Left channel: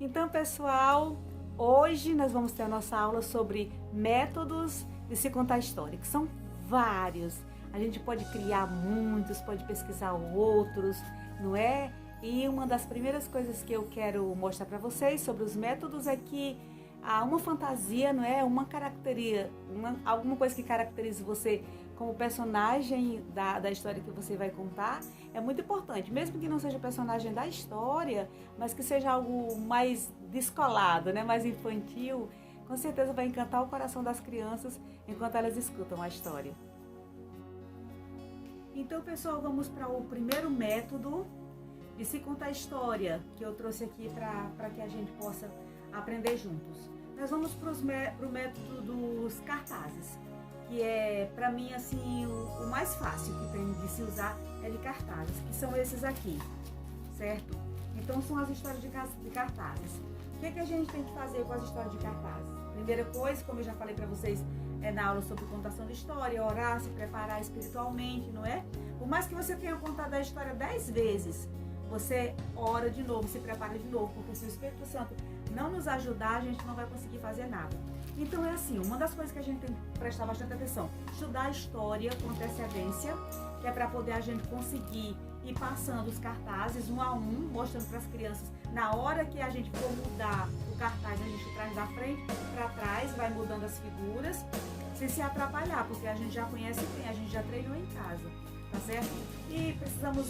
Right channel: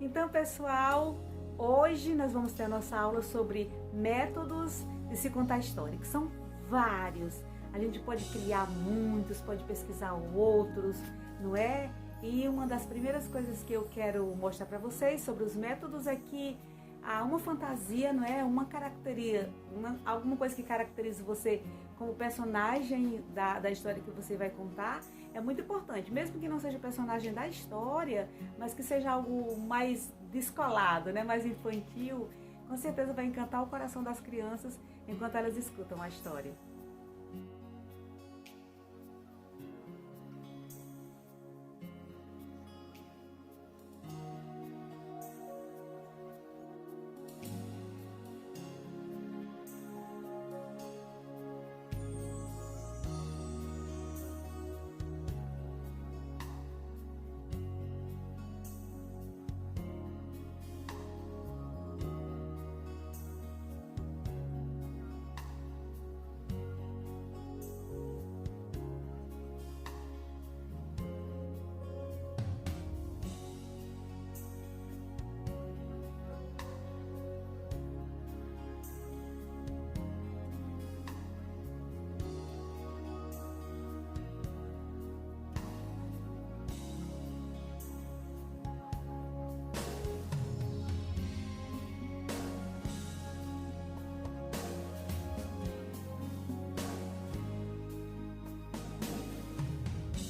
Então, pessoal, hoje nós vamos ter a nossa aula sobre métodos de se contar história, que são vários. A gente pode criar muitos, pode pesquisar outros, não é? E uma das primeiras coisas que eu quero mostrar para vocês sobre os métodos é que há uma fantasia, não é? Uma característica, alguma coisa que caracterize você como personagem da história que você vai contar é muito importante. Mesmo que não seja personagem da história, mas que seja algo mais descolado, né? Mais infantil, com certeza vai encantar o coração das crianças enquanto elas escutam a história. Então, pessoal, vamos para o primeiro método de se contar história que eu trouxe aqui para que a gente possa aprender juntos. Nós vamos para o método dos cartazes, que é, para mim, assim, o mais fácil que tem de se usar é de cartazes, que são esses aqui, certo? Então, são as histórias de cartazes. O que a gente tem que fazer com as histórias de cartazes? Primeira coisa, como eu já falei para vocês, é na aula sobre contação de história, orar, se preparar espiritualmente, não é? Por mais que você tenha contado a história 10 vezes, você ora de novo, se prepara de novo, porque se o Espírito Santo não nos ajudar, a gente não vai conseguir fazer nada. Então é assim, uma das coisas que a gente tem que prestar bastante atenção, estudar a história com antecedência, que é para poder a gente conseguir ir passando os cartazes um a um, mostrando para as crianças. Na hora que a gente for mudar o cartaz, a gente traz da frente para trás, vai mudando as figuras, sem se atrapalhar, porque a gente já conhece bem, a gente já treinou em casa, tá certo? E precisamos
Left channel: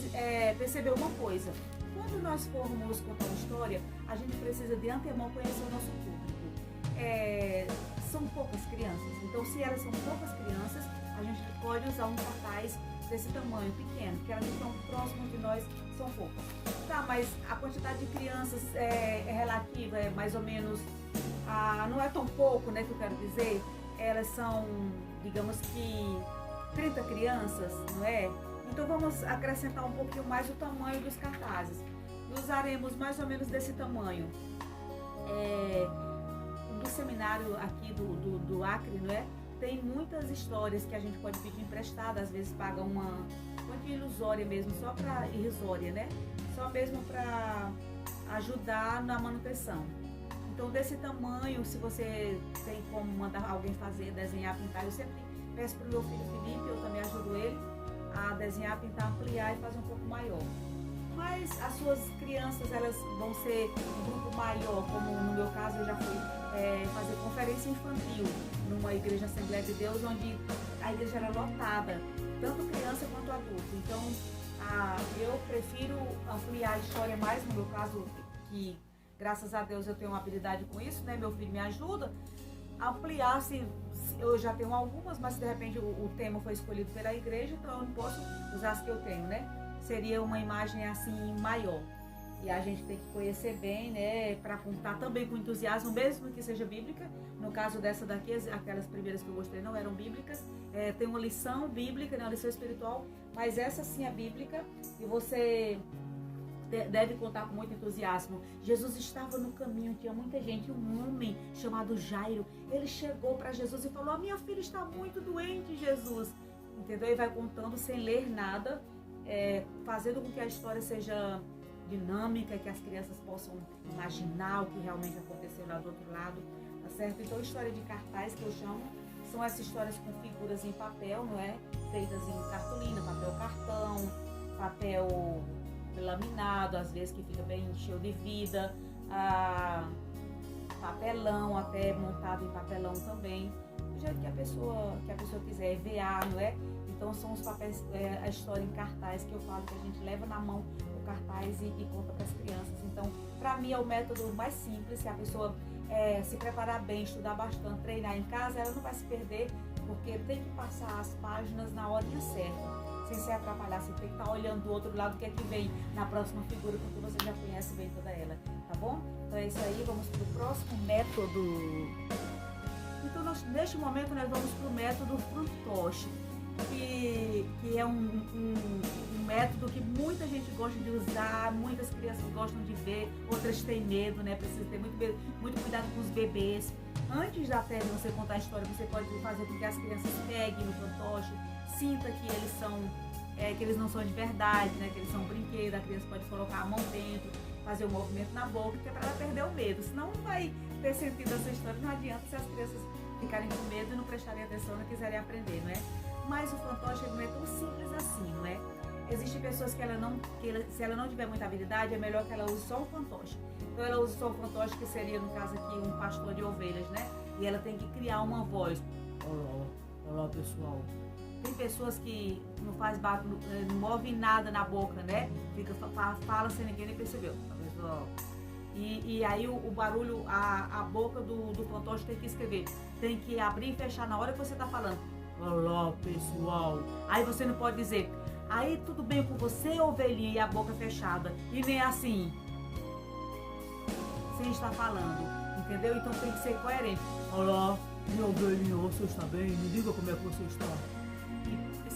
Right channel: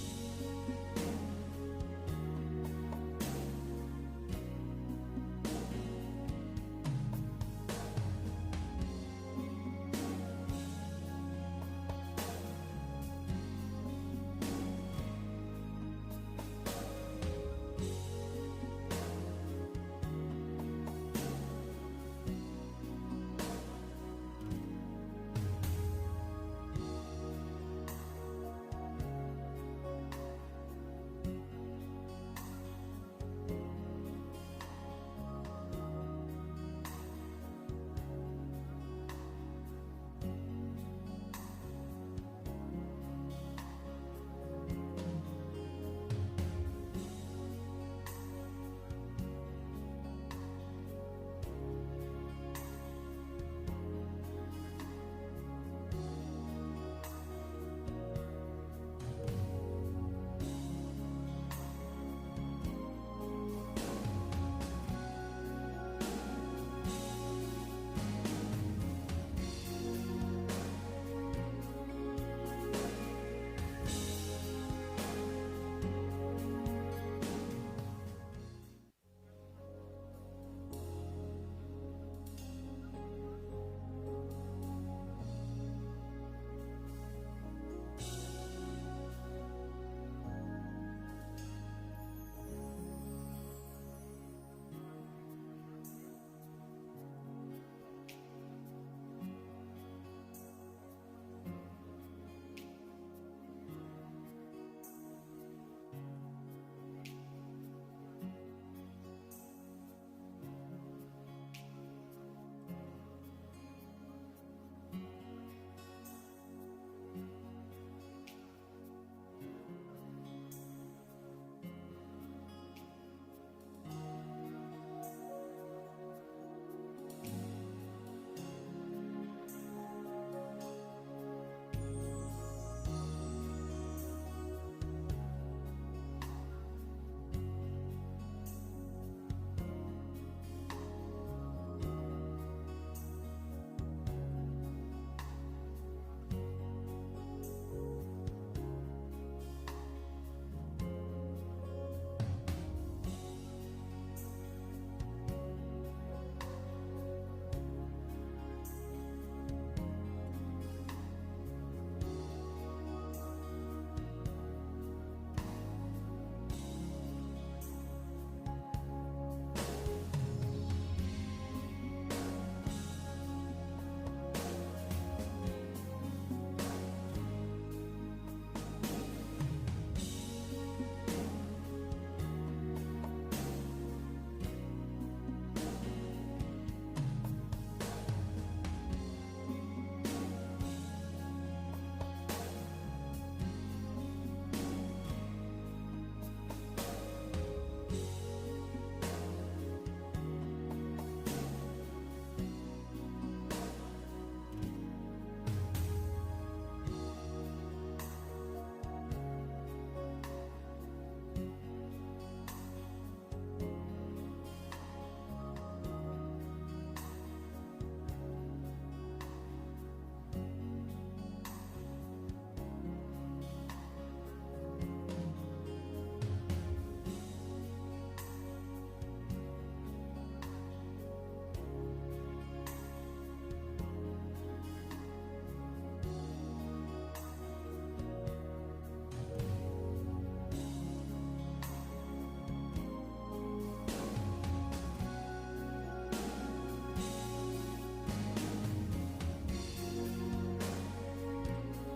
perceber uma coisa, quando nós formos contar uma história, a gente precisa de antemão conhecer o nosso público. São poucas crianças, então se elas são poucas crianças, a gente pode usar um cartaz desse tamanho, pequeno, porque elas estão próximas de nós, são poucas. Tá, mas a quantidade de crianças é relativa, é mais ou menos, não é tão pouco, né, que eu quero dizer, elas são, digamos que 30 crianças, não é? Então vamos acrescentar um pouquinho mais o tamanho dos cartazes. Usaremos mais ou menos desse tamanho. Do seminário aqui do Acre, não é? Tem muitas histórias que a gente pode pedir emprestada, às vezes paga uma ilusória mesmo, só para irrisória, né? Só mesmo para ajudar na manutenção. Então desse tamanho, se você tem como mandar alguém fazer, desenhar, pintar, eu sempre peço para o meu filho Felipe, eu também ajudo ele a desenhar, pintar, ampliar e fazer um pouco maior. Mas as suas crianças, elas vão ser um grupo maior, como no meu caso eu já fui fazer conferência infantil numa igreja Assembleia de Deus, onde a igreja era lotada, tanto criança quanto adulto. Então eu prefiro ampliar a história mais, no meu caso, que graças a Deus eu tenho uma habilidade com isso, né? Meu filho me ajuda a ampliar, se eu já tenho algumas, mas se de repente o tema foi escolhido pela igreja, então eu não posso usar as que eu tenho, né? Seria uma imagem assim maior. E a gente tem que conhecer bem, né? Para contar também com entusiasmo, mesmo que seja bíblica. No caso dessa daqui, aquelas primeiras que eu mostrei não eram bíblicas. Tem uma lição bíblica, né? Uma lição espiritual, mas essa sim é bíblica e você deve contar com muito entusiasmo. Jesus estava no caminho, tinha muita gente, um homem chamado Jairo, ele chegou para Jesus e falou: minha filha está muito doente, Jesus. Entendeu? E vai contando sem ler nada, fazendo com que a história seja dinâmica, que as crianças possam imaginar o que realmente aconteceu lá do outro lado, tá certo? Então, história de cartaz, que eu chamo, são essas histórias com figuras em papel, não é? Feitas em cartolina, papel cartão, papel laminado, às vezes que fica bem cheio de vida, papelão, até montado em papelão também, do jeito que a pessoa quiser, EVA, não é? Então são os papéis, a história em cartaz que eu falo, que a gente leva na mão o cartaz e conta para as crianças. Então, para mim é o método mais simples. Se a pessoa se preparar bem, estudar bastante, treinar em casa, ela não vai se perder, porque tem que passar as páginas na hora certa, sem se atrapalhar, sem ter que estar olhando do outro lado o que é que vem na próxima figura, porque você já conhece bem toda ela, tá bom? Então é isso aí, vamos para o próximo método. Então neste momento nós vamos para o método fantoche, que é um método que muita gente gosta de usar, muitas crianças gostam de ver, outras têm medo, né? Precisa ter muito cuidado com os bebês. Antes até de você contar a história, você pode fazer com que as crianças peguem o fantoche, sinta que eles são, que eles não são de verdade, né? Que eles são brinquedos, a criança pode colocar a mão dentro, fazer o movimento na boca, que é para ela perder o medo, senão não vai ter sentido essa história. Não adianta se as crianças ficarem com medo e não prestarem atenção, não quiserem aprender, não é? Mas o fantoche não é tão simples assim, não é? Existem pessoas que se ela não tiver muita habilidade, é melhor que ela use só o fantoche. Então ela usa só o fantoche, que seria, no caso aqui, um pastor de ovelhas, né? E ela tem que criar uma voz. Olá pessoal. Tem pessoas que não faz barulho, não move nada na boca, né? Fica, fala sem ninguém nem percebeu. E aí o barulho, a boca do fantoche tem que escrever. Tem que abrir e fechar na hora que você tá falando. Olá pessoal. Aí você não pode dizer, aí tudo bem com você, ovelhinha, e a boca fechada. E nem assim, sem estar falando, entendeu? Então tem que ser coerente. Olá, minha ovelhinha, você está bem? Me diga como é que você está.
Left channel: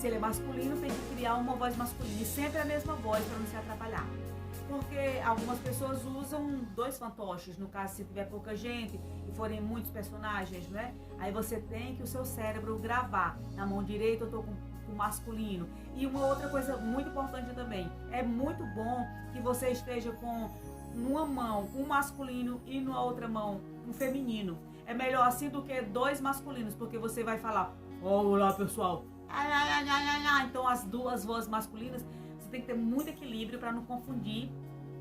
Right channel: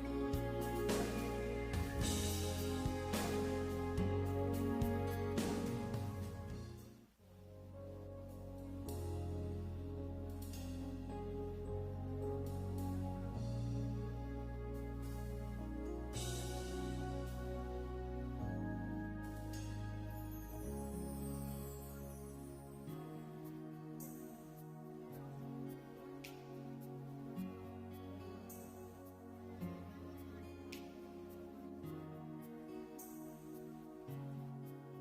Se ele é masculino, tem que criar uma voz masculina. E sempre a mesma voz para não se atrapalhar. Porque algumas pessoas usam 2 fantoches, no caso se tiver pouca gente e forem muitos personagens, né? Aí você tem que o seu cérebro gravar. Na mão direita eu estou com o masculino. E uma outra coisa muito importante também, é muito bom que você esteja com numa mão um masculino e na outra mão um feminino. É melhor assim do que 2 masculinos, porque você vai falar, olá pessoal, então as 2 vozes masculinas, você tem que ter muito equilíbrio para não confundir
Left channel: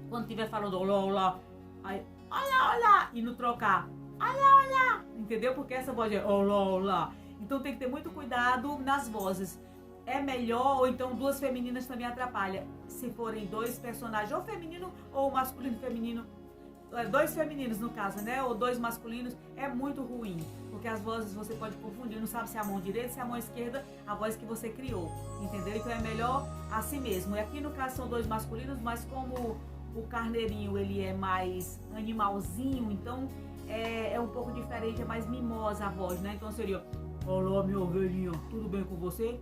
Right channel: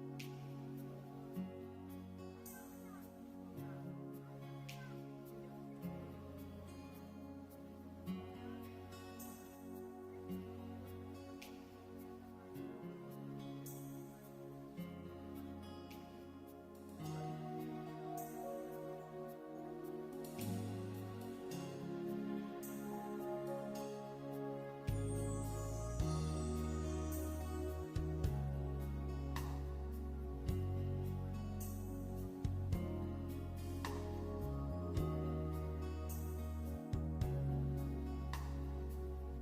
quando estiver falando olá, olá, aí olá, olá, e não trocar olá, olá, entendeu? Porque essa voz é olá, olá. Então tem que ter muito cuidado nas vozes. É melhor, ou então 2 femininas também atrapalha. Se forem 2 personagens, ou feminino ou masculino e feminino, 2 femininos no caso, né? Ou 2 masculinos, é muito ruim. Porque as vozes você pode confundir, não sabe se é a mão direita, se é a mão esquerda, a voz que você criou, entendeu? Então é melhor assim mesmo. E aqui no caso são 2 masculinos, mas como o carneirinho ele é mais animalzinho, então é um pouco diferente, é mais mimosa a voz, né? Então seria, olá minha ovelhinha, tudo bem com você?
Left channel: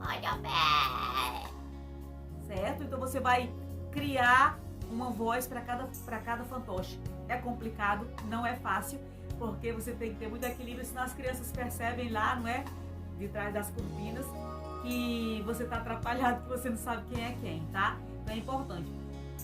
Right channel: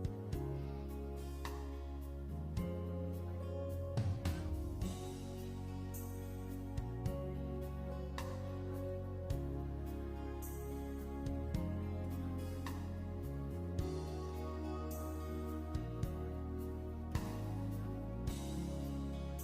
Olha bem. Certo? Então você vai criar uma voz para cada fantoche. É complicado, não é fácil, porque você tem que ter muito equilíbrio, senão as crianças percebem lá, não é? De trás das cortinas, e você tá atrapalhado, porque você não sabe quem é quem, tá? Então é importante.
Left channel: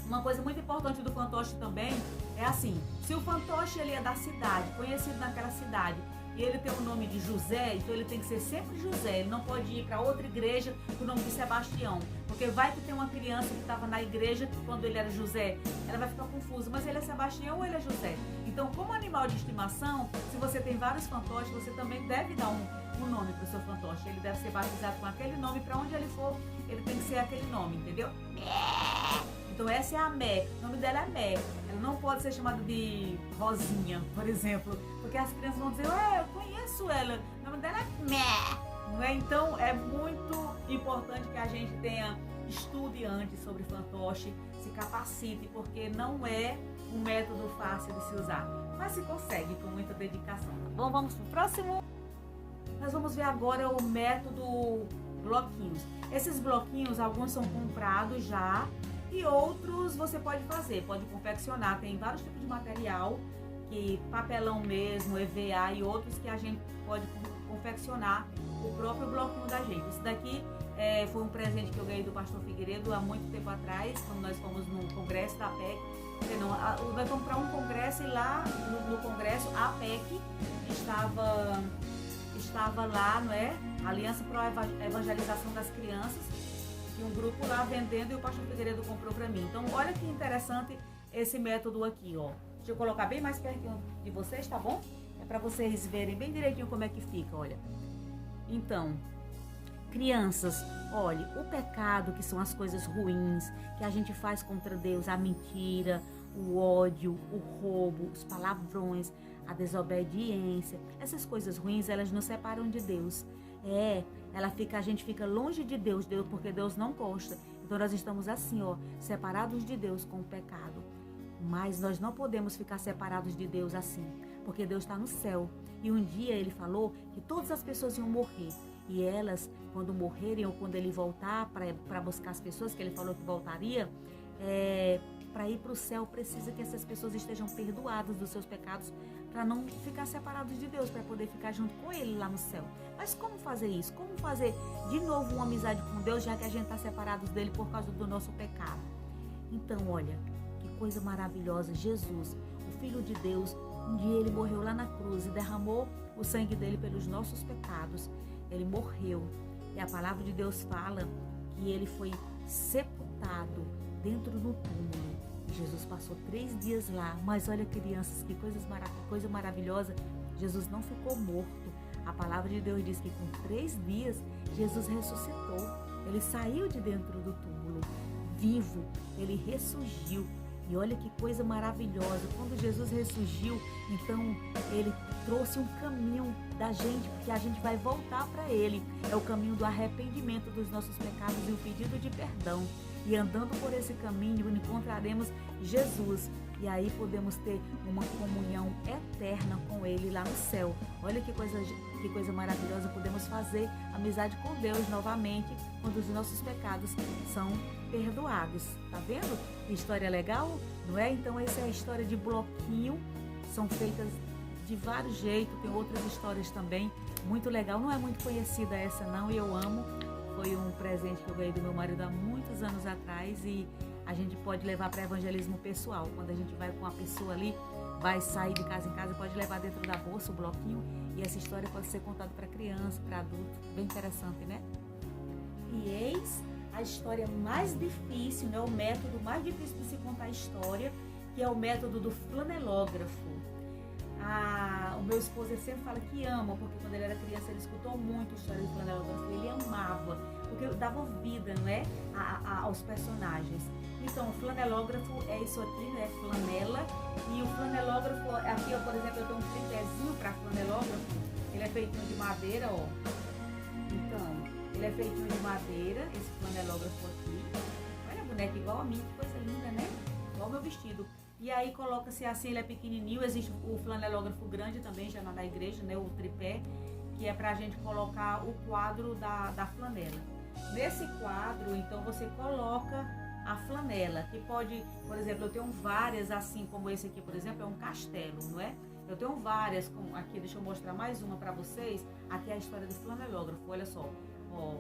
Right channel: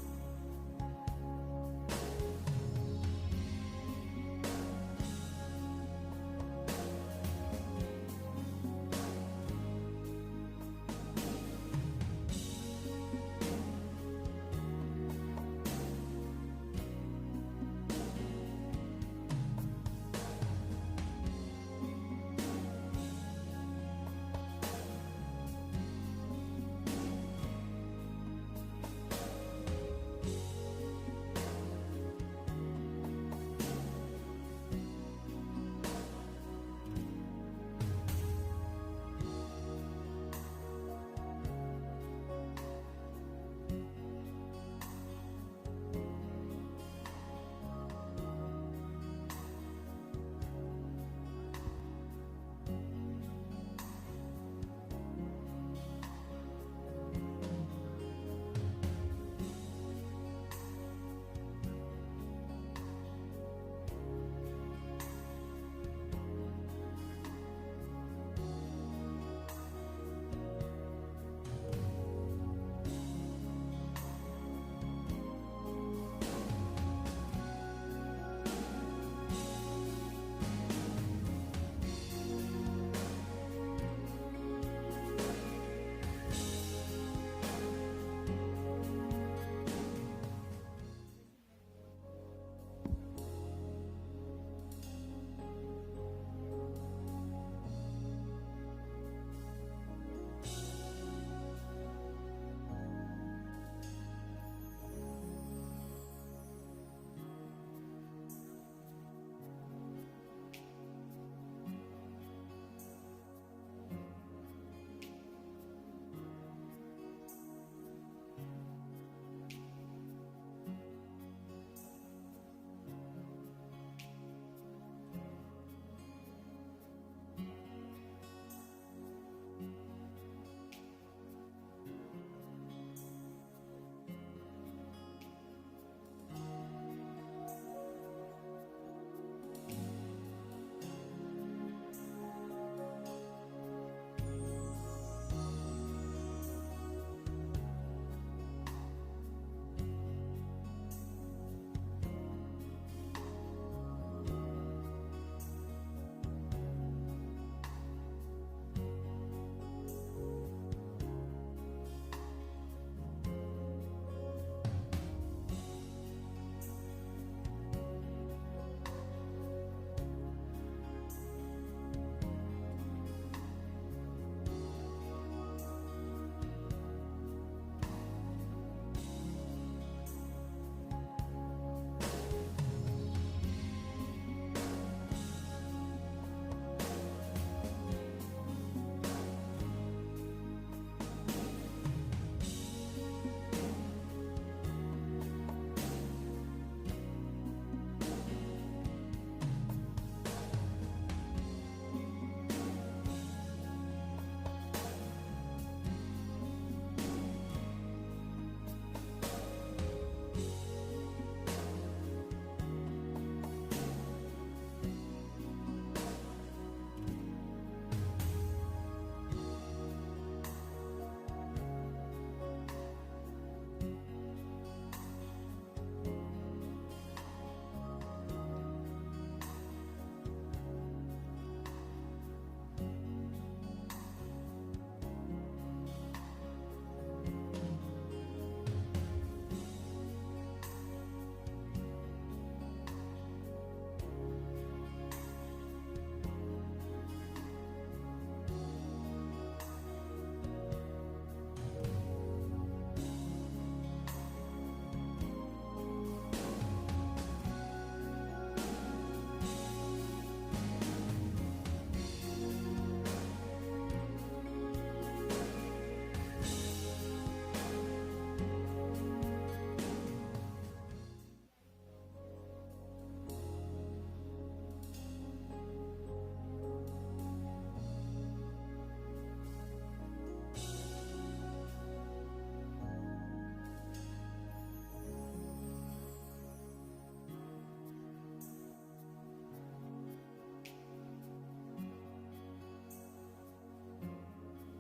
Uma coisa muito importante do fantoche também é assim, se o fantoche ele é da cidade, conhecido naquela cidade, e ele tem o nome de José, então ele tem que ser sempre José, ele não pode ir para outra igreja com o nome de Sebastião, porque vai que tem uma criança que estava na igreja quando ele era José, ela vai ficar confusa, mas ele é Sebastião ou ele é José? Então, como animal de estimação, se você tem vários fantoches, você também deve dar um nome para o seu fantoche, ele deve ser batizado com aquele nome, para onde ele for, ele tem que ser aquele nome, entendeu? Então essa é a Mé, o nome dela é Mé, ela não pode ser chamada de Rosinha, por exemplo, porque as crianças vão dizer, eu conheço ela, o nome dela é Mé, não é? Então é muito importante que a gente estude antes sobre fantoche, se capacite, porque não é um método fácil de se usar, mas se consegue com muita dedicação. Bom, vamos pro próximo. Nós vamos ver agora o método bloquinhos. Esses bloquinhos, alguns são comprados já e outros você pode fazer, pode confeccionar. Tem vários tipos de material, que papelão mesmo, EVA e outros que a gente pode confeccionar o próprio bloquinho da gente. Esse daqui foi um presente que eu ganhei do pastor Figueiredo há muito tempo atrás, quando nós fomos no congresso da PEC. Nós fomos para um congresso e lá no congresso a PEC estava lá, não é? Aliança para a Evangelização das Crianças, um grupo lá vendendo e o pastor Figueiredo comprou para mim. Então olha que interessante esse método aqui, ó. Deixa eu colocar bem mais perto de vocês, tá bom? É para vocês verem bem direitinho como é que fica, olha. Então, crianças, olhe, o pecado, que são as coisas ruins que a gente faz contra Deus, a mentira, o ódio, o roubo, os palavrões, a desobediência, essas coisas ruins, elas nos separam de Deus. A gente fica longe de Deus, porque Deus não gosta. Então nós estamos assim, ó, separados de Deus com o pecado. Mas nós não podemos ficar separados de Deus assim, porque Deus está no céu. E um dia Ele falou que todas as pessoas iam morrer. E elas, quando morrerem ou quando Ele voltar para buscar as pessoas, que Ele falou que voltaria, para ir para o céu, precisa que essas pessoas estejam perdoadas dos seus pecados, para não ficar separados de Deus, para poder ficar junto com Ele lá no céu. Mas como fazer isso? Como fazer de novo uma amizade com Deus, já que a gente está separado dele por causa do nosso pecado? Então, olha, coisa maravilhosa, Jesus, o Filho de Deus, um dia ele morreu lá na cruz e derramou o sangue dele pelos nossos pecados. Ele morreu. E a palavra de Deus fala que ele foi sepultado dentro do túmulo. Jesus passou 3 dias lá. Mas olha, crianças, que coisa maravilhosa. Jesus não ficou morto. A palavra de Deus diz que com 3 dias Jesus ressuscitou. Ele saiu de dentro do túmulo, vivo. Ele ressurgiu. E olha que coisa maravilhosa. Quando Jesus ressurgiu, então ele trouxe um caminho da gente, porque a gente vai voltar para ele. É o caminho do arrependimento dos nossos pecados e o pedido de perdão. E andando por esse caminho, encontraremos Jesus. E aí podemos ter uma comunhão eterna com ele lá no céu. Olha que coisa maravilhosa. Podemos fazer amizade com Deus novamente, quando os nossos pecados são perdoados. Tá vendo? Que história legal, não é? Então essa é a história de bloquinho. São feitas de vários jeitos, tem outras histórias também. Muito legal, não é muito conhecida essa não, e eu amo. Foi um presente que eu ganhei do meu marido há muitos anos atrás e a gente pode levar para evangelismo pessoal. Quando a gente vai com uma pessoa ali, vai sair de casa em casa, pode levar dentro da bolsa o bloquinho e essa história pode ser contada para criança, para adulto. Bem interessante, né? E eis a história mais difícil, né? O método mais difícil de se contar a história, que é o método do flanelógrafo. O meu esposo sempre fala que ama, porque quando ele era criança ele escutou muito a história do flanelógrafo, ele amava, porque dava vida, não é? Aos personagens. Então, o flanelógrafo é isso aqui, né? Flanela. E o flanelógrafo, aqui, por exemplo, eu tenho um tripézinho para flanelógrafo, ele é feito de madeira, ó. Então, ele é feito de madeira, esse flanelógrafo aqui. Olha a boneca igual a mim, que coisa linda, né? Igual o meu vestido. E aí coloca-se assim, ele é pequenininho, existe o flanelógrafo grande também, já na igreja, né, o tripé, que é pra gente colocar o quadro da flanela. Nesse quadro, então, você coloca a flanela, que pode, por exemplo, eu tenho várias, assim como esse aqui, por exemplo, é um castelo, não é? Eu tenho várias, como aqui, deixa eu mostrar mais uma pra vocês. Aqui é a história do flanelógrafo, olha só, ó,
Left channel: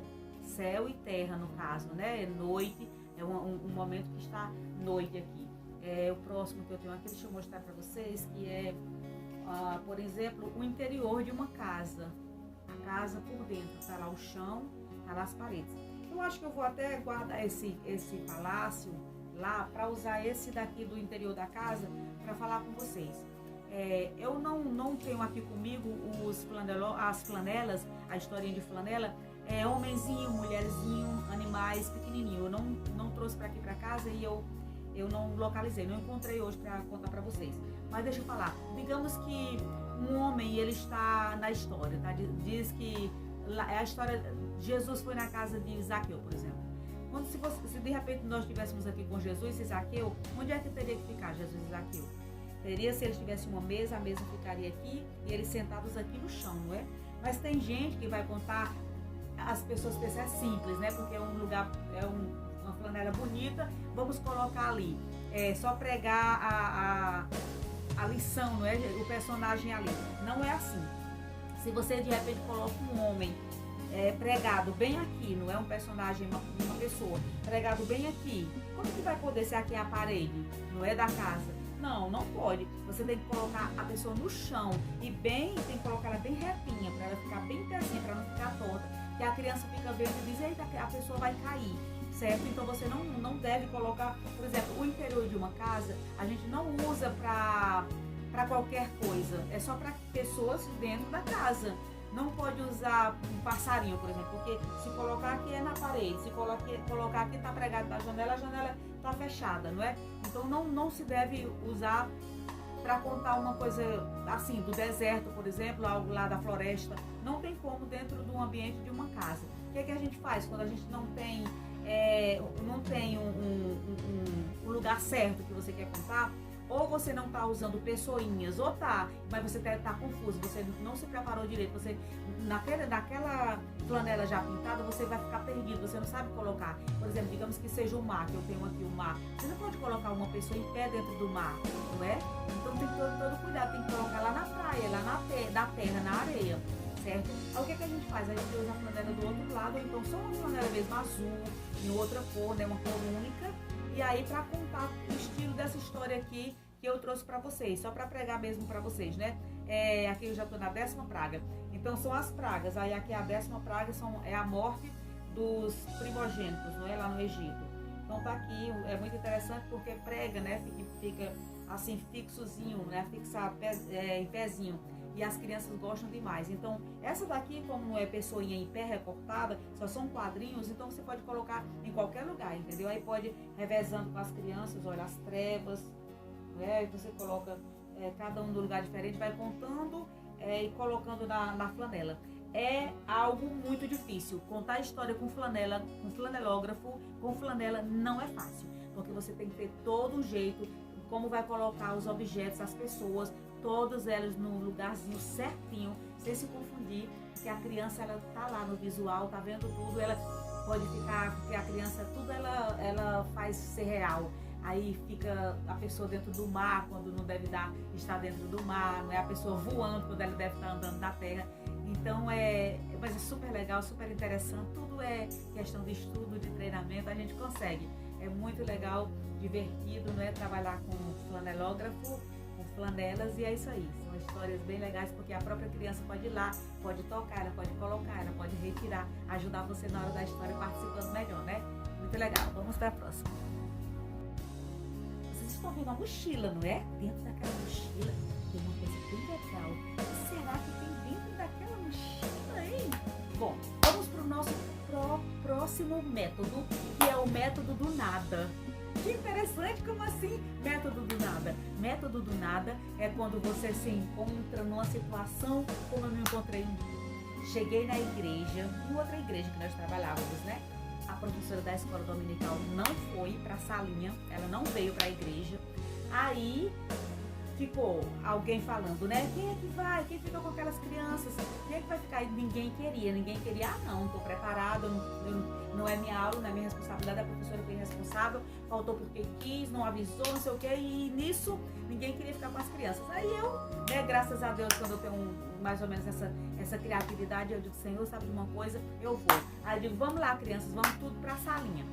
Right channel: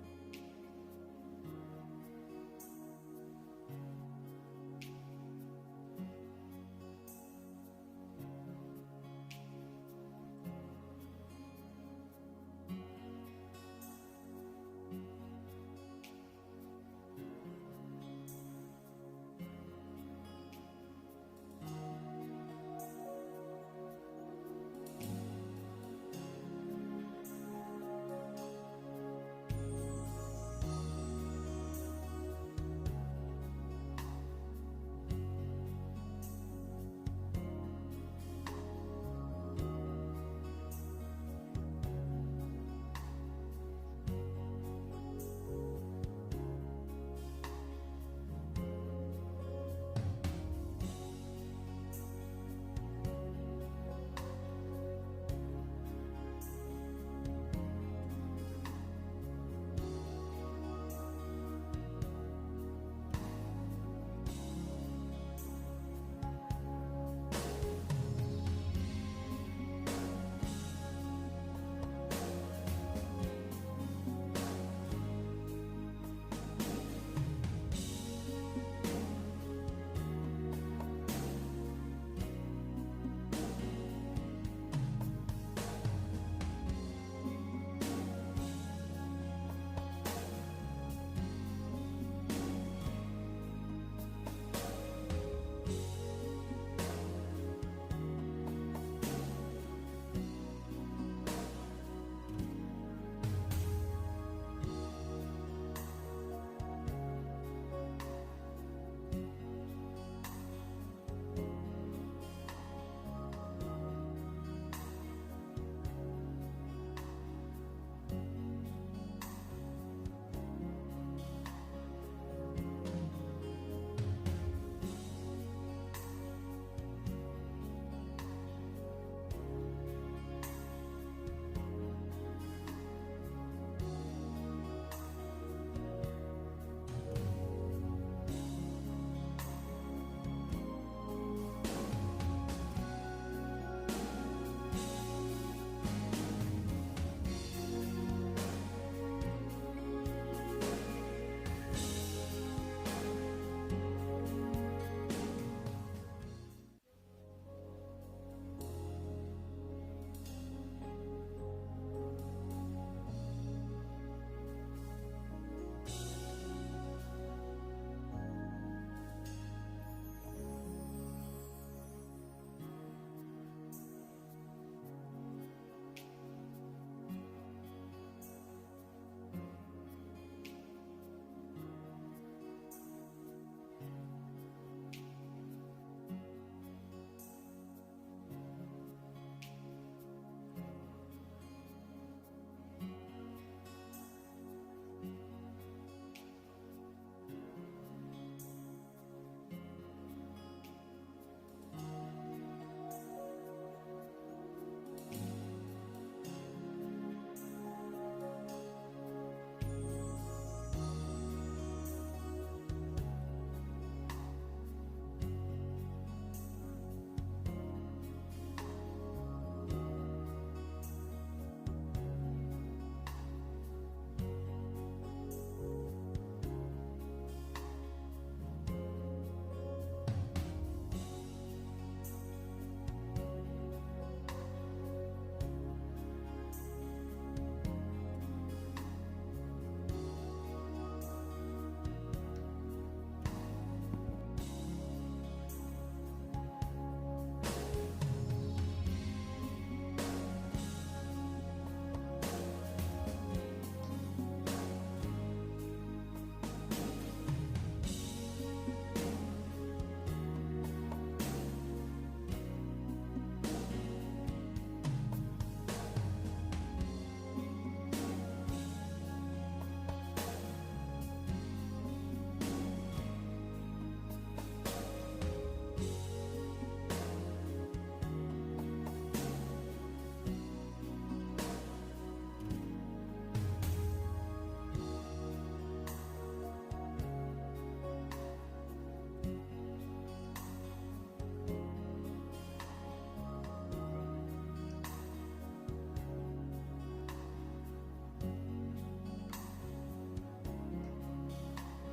céu e terra no caso, né, noite, é um momento que está noite aqui. O próximo que eu tenho aqui, deixa eu mostrar para vocês, que é, por exemplo, o interior de uma casa. A casa por dentro, tá lá o chão, tá lá as paredes. Eu acho que eu vou até guardar esse palácio lá para usar esse daqui do interior da casa para falar com vocês. Eu não tenho aqui comigo as flanelas, a historinha de flanela, homenzinho, mulherzinho, animais pequenininho. Eu não trouxe para aqui para casa e eu não localizei, não encontrei hoje para contar para vocês. Mas deixa eu falar, digamos que um homem, ele está na história, tá? Diz que é a história, Jesus foi na casa de Zaqueu, por exemplo. Se de repente nós estivéssemos aqui com Jesus e Zaqueu, onde é que teria que ficar Jesus e Zaqueu? Teria, se eles tivessem uma mesa, a mesa ficaria aqui e eles sentados aqui no chão, não é? Mas tem gente que vai contar, as pessoas pensam é simples, né? Porque é um lugar, uma flanela bonita, vamos colocar ali. Só pregar a lição, não é? O personagem ali. Não é assim. Se você de repente coloca um homem pregado bem aqui, não é um personagem, uma pessoa, pregado bem aqui, como que vai poder ser aqui a parede, não é da casa? Não pode. Você tem que colocar a pessoa no chão e tem que colocar ela bem retinha, para ela ficar bem pezinha, para não ficar torta. Que a criança fica vendo e diz, eita, a pessoa vai cair, certo? Então você não deve colocar, por exemplo, o interior de uma casa, a gente não usa para qualquer coisa, é só para pessoas dentro da casa. Não pode usar um passarinho, por exemplo, porque se colocar aqui é na parede, se colocar aqui está pregado na janela, a janela está fechada, não é? Então não se deve usar para contar uma coisa assim, do deserto, por exemplo, lá da floresta. Não tem como dentro de um ambiente de uma casa. O que a gente faz quando a gente não tem um lugar certo que você quer contar? Ou você não está usando pessoinhas, ou tá, mas você está confuso, você não se preparou direito, você naquela flanela já pintada, você vai ficar perdido, você não sabe colocar. Por exemplo, digamos que seja o mar, que eu tenho aqui o mar. Você não pode colocar uma pessoa em pé dentro do mar, não é? Então tem que ter todo cuidado, tem que colocar lá na praia, lá na terra, na areia, certo? Aí o que a gente faz? A gente usa a flanela do outro lado, então só uma flanela mesmo azul, em outra cor, né, uma cor única, e aí para contar o estilo dessa história, eu trouxe para vocês, só para pregar mesmo para vocês, né? Aqui eu já estou na 10ª praga. Então são as pragas. Aí aqui a 10ª praga é a morte dos primogênitos, não é? Lá no Egito. Então tá aqui, é muito interessante porque prega, né? Fica assim fixozinho, né? Fixar em pezinho. E as crianças gostam demais. Então, essa daqui, como é pessoinha em pé recortada, só são quadrinhos, então você pode colocar em qualquer lugar, entendeu? Aí pode revezando com as crianças, olha, as trevas, né? Você coloca cada um no lugar diferente, vai contando e colocando na flanela. É algo muito difícil. Contar a história com flanela, com flanelógrafo, com flanela não é fácil, porque você tem que ter todo o jeito, como vai colocar os objetos, as pessoas, todas elas no lugarzinho certinho, sem se confundir, que a criança ela tá lá no visual, tá vendo tudo, ela pode ficar, porque a criança tudo ela faz ser real. Aí fica a pessoa dentro do mar quando não deve estar dentro do mar, né? A pessoa voando quando ela deve estar andando na terra. Então mas é super legal, super interessante, tudo é questão de estudo, de treinamento, a gente consegue. É muito legal, divertido, né? Trabalhar com flanelógrafo, com flanelas, e é isso aí. São histórias bem legais, porque a própria criança pode ir lá, pode tocar, ela pode colocar, ela pode retirar, ajudar você na hora da história participando melhor, né? Muito legal. Vamos para a próxima. Vocês estão vendo uma mochila, não é? Dentro daquela mochila tem uma coisa bem legal. Será que tem dentro daquela mochila, hein? Bom, vamos para o nosso próximo método, que é o método do nada. Que interessante, como assim? Método do nada. Método do nada é quando você se encontra numa situação como eu me encontrei. Cheguei na igreja, em outra igreja que nós trabalhávamos, né? A professora da escola dominical não foi para a salinha, ela não veio para a igreja. Aí ficou alguém falando, né? Quem é que vai? Quem fica com aquelas crianças? Quem é que vai ficar? Ninguém queria. Ah, não, estou preparada, não é minha aula, não é minha responsabilidade, a professora tem responsável, faltou porque quis, não avisou, não sei o quê, e nisso ninguém queria ficar com as crianças. Aí eu, né, graças a Deus, quando eu tenho mais ou menos essa criatividade, eu digo, Senhor, sabe uma coisa? Eu vou. Aí eu digo, vamos lá, crianças, vamos tudo para a salinha.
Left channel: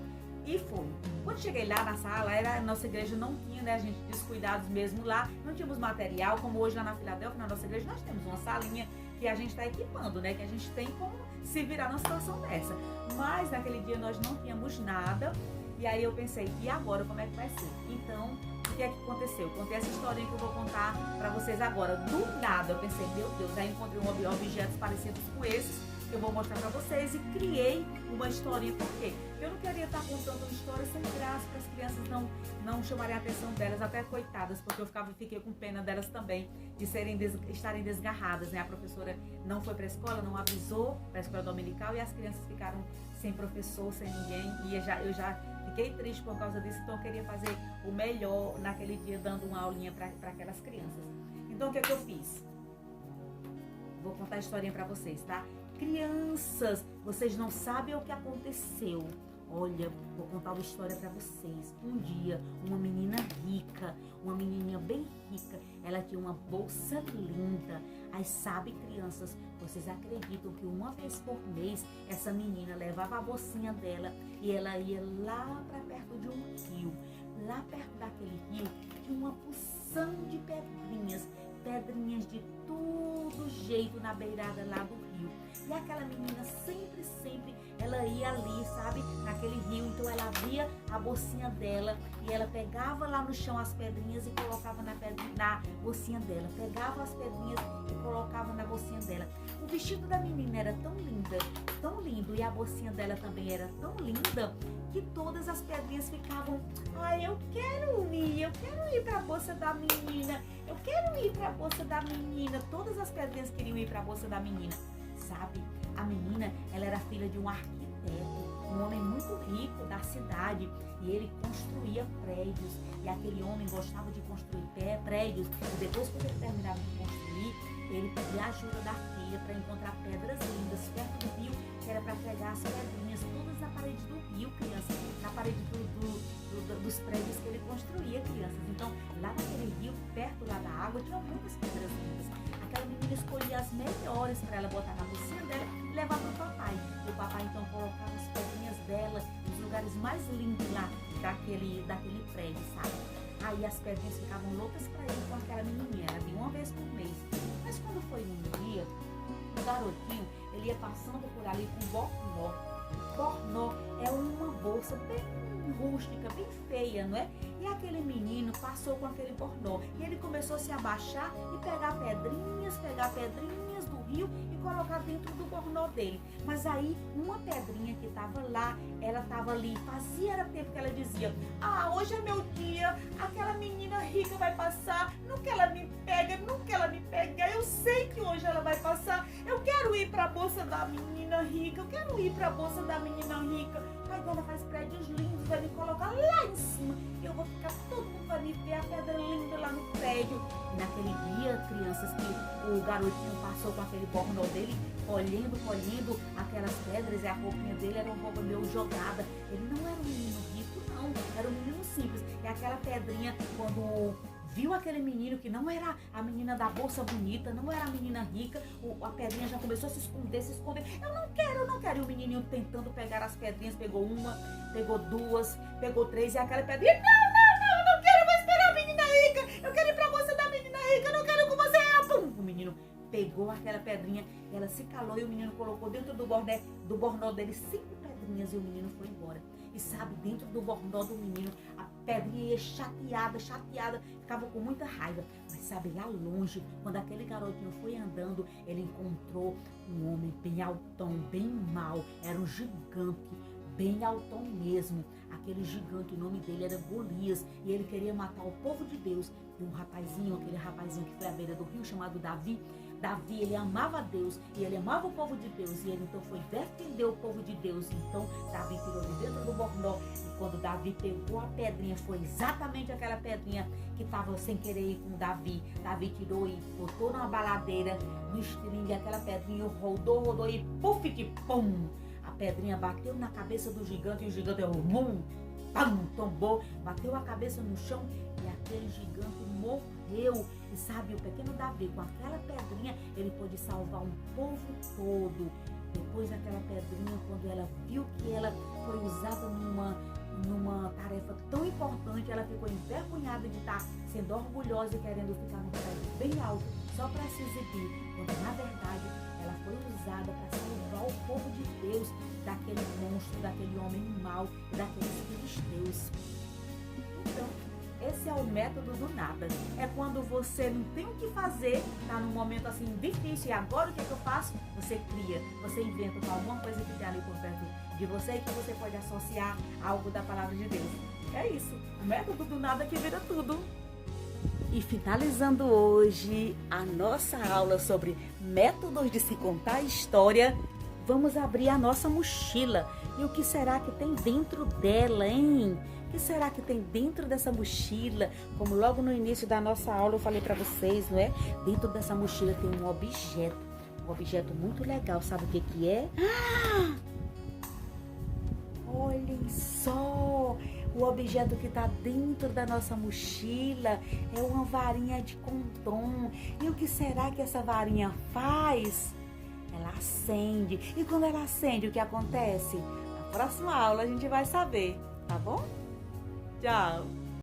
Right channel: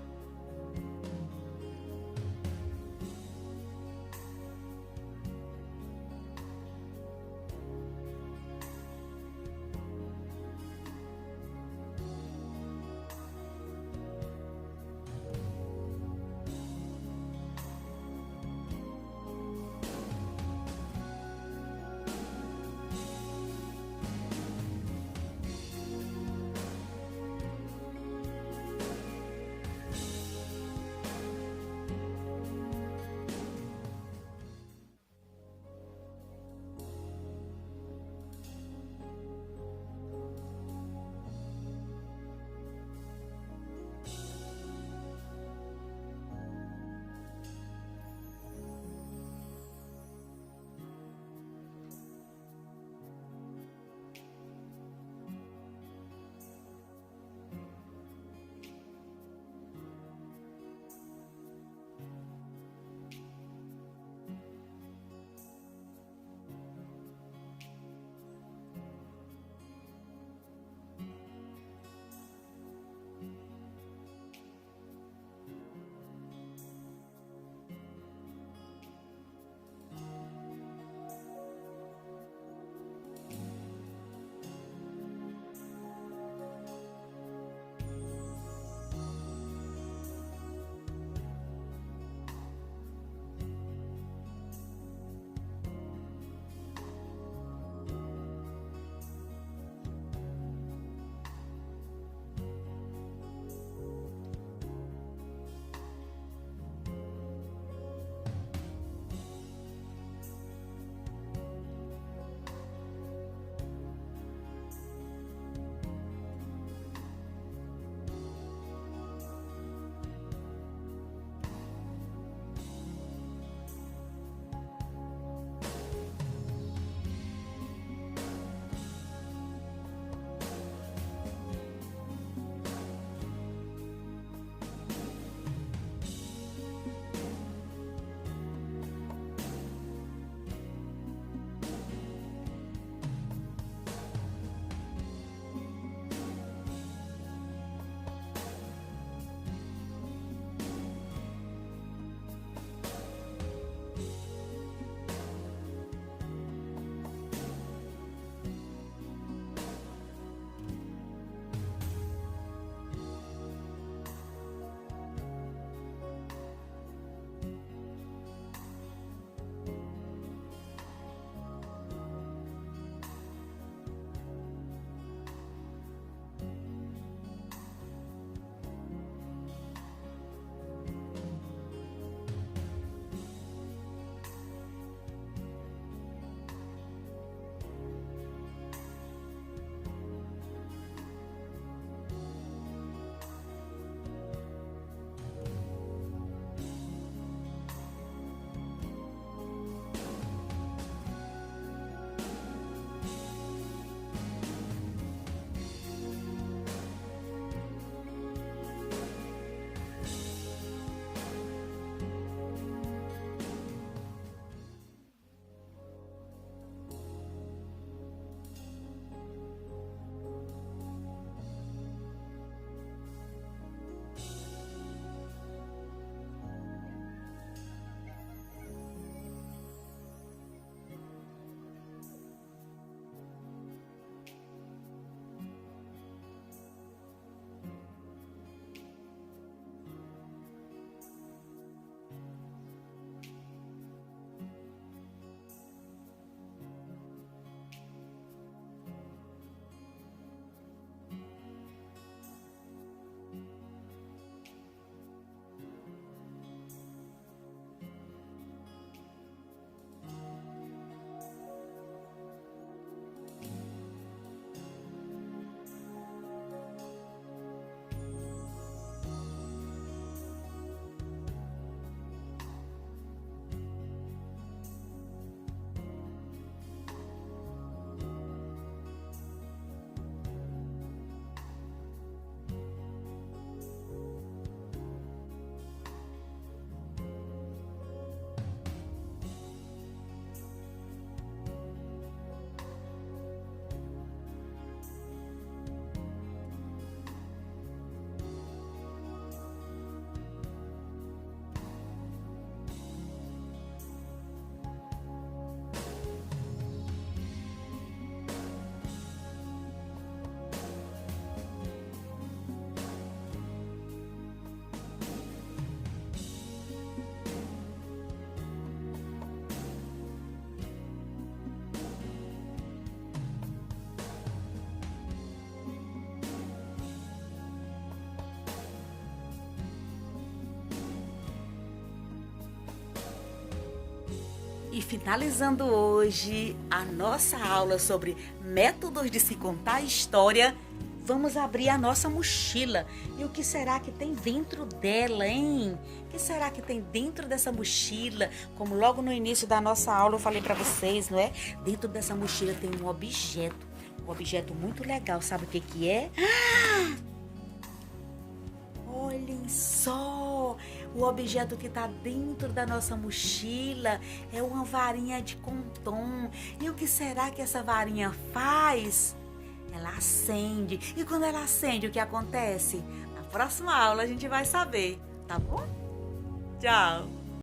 E fui. Quando cheguei lá na sala, a nossa igreja não tinha, né, a gente descuidados mesmo lá, não tínhamos material, como hoje lá na Filadélfia, na nossa igreja, nós temos uma salinha que a gente está equipando, né, que a gente tem como se virar numa situação dessa. Mas naquele dia nós não tínhamos nada, e aí eu pensei, e agora como é que vai ser? Então, o que é que aconteceu? Contei essa história que eu vou contar para vocês agora. Do nada, eu pensei, meu Deus, já encontrei objetos parecidos com esse, que eu vou mostrar para vocês, e criei uma historinha. Por quê? Eu não queria estar contando uma história sem graça, para as crianças não chamarem a atenção delas, até coitadas, porque eu fiquei com pena delas também, de estarem desgarradas, né? A professora não foi para a escola, não avisou para a escola dominical, e as crianças ficaram sem professor, sem ninguém, e eu já fiquei triste por causa disso, então eu queria fazer o melhor naquele dia, dando uma aulinha para aquelas crianças. Então o que é que eu fiz? Vou contar a historinha para vocês, tá? Crianças, vocês não sabem o que aconteceu. Olha, vou contar uma história para vocês. Um dia, uma menina rica, uma menininha bem rica, ela tinha uma bolsa linda. Aí sabe, crianças, vocês acreditam que uma vez por mês essa menina levava a bolsinha dela e ela ia lá para perto de um rio. Lá perto daquele rio tinha uma porção de pedrinhas de todo jeito na beirada lá do rio. E aquela menina sempre, ela ia ali, sabe, naquele rio. Então ela abria a bolsinha dela e ela pegava lá no chão as pedrinhas e colocava na bolsinha dela. Pegava as pedrinhas e colocava na bolsinha dela. O vestido da menina era tão lindo, e a bolsinha dela também era tão linda, que todas as pedrinhas ficavam, eu quero ir para a bolsa da menina, eu quero ir para a bolsa da menina. Todas as pedrinhas queriam ir para a bolsa da menina. Sabe, a menina, ela era filha de um arquiteto, um homem muito rico da cidade, e ele construía prédios, e aquele homem gostava de construir prédios, e depois que ele terminava de construir, ele pedia a ajuda da filha para encontrar pedras lindas perto do rio, que era para pegar as pedrinhas todas na parede do rio, crianças, na parede dos prédios que ele construía, crianças. Então, lá naquele rio, perto lá da água, tinha muitas pedras lindas. Aquela menina escolhia as melhores para ela botar na bolsinha dela e levar para o papai. E o papai então colocava as pedrinhas dela nos lugares mais lindos lá daquele prédio, sabe? Aí as pedrinhas ficavam loucas pra ir com aquela menininha, era de uma vez por mês. Mas quando foi um dia, o garotinho, ele ia passando por ali com bornó. Bornó é uma bolsa bem rústica, bem feia, não é? E aquele menino passou com aquele bornó. E ele começou a se abaixar e pegar pedrinhas do rio e colocar dentro do bornó dele. Mas aí, uma pedrinha que estava lá, ela estava ali, fazia tempo que ela dizia: ah, hoje é meu dia, aquela menina rica vai passar, nunca ela me pega, eu sei que hoje ela vai passar, eu quero ir para a bolsa da menina rica, eu quero ir para a bolsa da menina rica. Aí ela faz prédios lindos, vai me colocar lá em cima, eu vou ficar, todo mundo vai me ver a pedra linda lá no prédio. Naquele dia, crianças, que o garotinho passou com aquele bornó dele, colhendo aquelas pedras, e a roupinha dele era uma roupa meio jogada. Ele não era um menino rico, não, era um menino simples. E aquela pedrinha, quando viu aquele menino que não era a menina da bolsa bonita, não era a menina rica, a pedrinha já começou a se esconder. Eu não quero. E o menininho tentando pegar as pedrinhas, pegou uma, pegou duas, pegou três, e aquela pedrinha: não, eu não quero, eu vou esperar a menina rica, eu quero ir pra bolsa da menina rica, eu não quero com você. Pum! O menino pegou aquela pedrinha, ela se calou e o menino colocou dentro do bornó dele 5 pedrinhas, e o menino foi embora. E sabe, dentro do bornó do menino, a pedrinha ia chateada, ficava com muita raiva. Mas sabe, lá longe, quando aquele garotinho foi andando, ele encontrou um homem bem altão, bem mau, era um gigante, bem altão mesmo. Aquele gigante, o nome dele era Golias, e ele queria matar o povo de Deus. E aquele rapazinho que foi à beira do rio, chamado Davi, ele amava Deus e ele amava o povo de Deus, e ele então foi defender o povo de Deus. Então Davi tirou de dentro do bornó, e quando Davi pegou a pedrinha, foi exatamente aquela pedrinha que estava sem querer ir com Davi. Davi tirou e botou numa baladeira, no estringue, aquela pedrinha rodou e puf, que pum! A pedrinha bateu na cabeça do gigante, e o gigante tombou, bateu a cabeça no chão, e aquele gigante morreu. E sabe, o pequeno Davi, com aquela pedrinha, ele pôde salvar um povo todo. Depois daquela pedrinha, quando ela viu que ela foi usada numa tarefa tão importante, ela ficou envergonhada de estar sendo orgulhosa e querendo ficar num lugar bem alto, só para se exibir. Quando, na verdade, ela foi usada para salvar o povo de Deus daquele monstro, daquele homem mau, daqueles filisteus. Então, esse é o método do nada. É quando você não tem o que fazer, está num momento assim difícil, e agora o que eu faço? Você cria, você inventa alguma coisa que tem ali por perto de você, que você pode associar a algo da palavra de Deus. É isso, o método do nada que vira tudo. E finalizando hoje a nossa aula sobre métodos de se contar história, vamos abrir a nossa mochila. E o que será que tem dentro dela, hein? O que será que tem dentro dessa mochila? Como logo no início da nossa aula eu falei para vocês, não é? Dentro dessa mochila tem um objeto muito legal. Sabe o que é? Olhem só! O objeto que está dentro da nossa mochila é uma varinha de condom. E o que será que essa varinha faz? Ela acende. E quando ela acende, o que acontece? Na próxima aula a gente vai saber, tá bom? Tchau!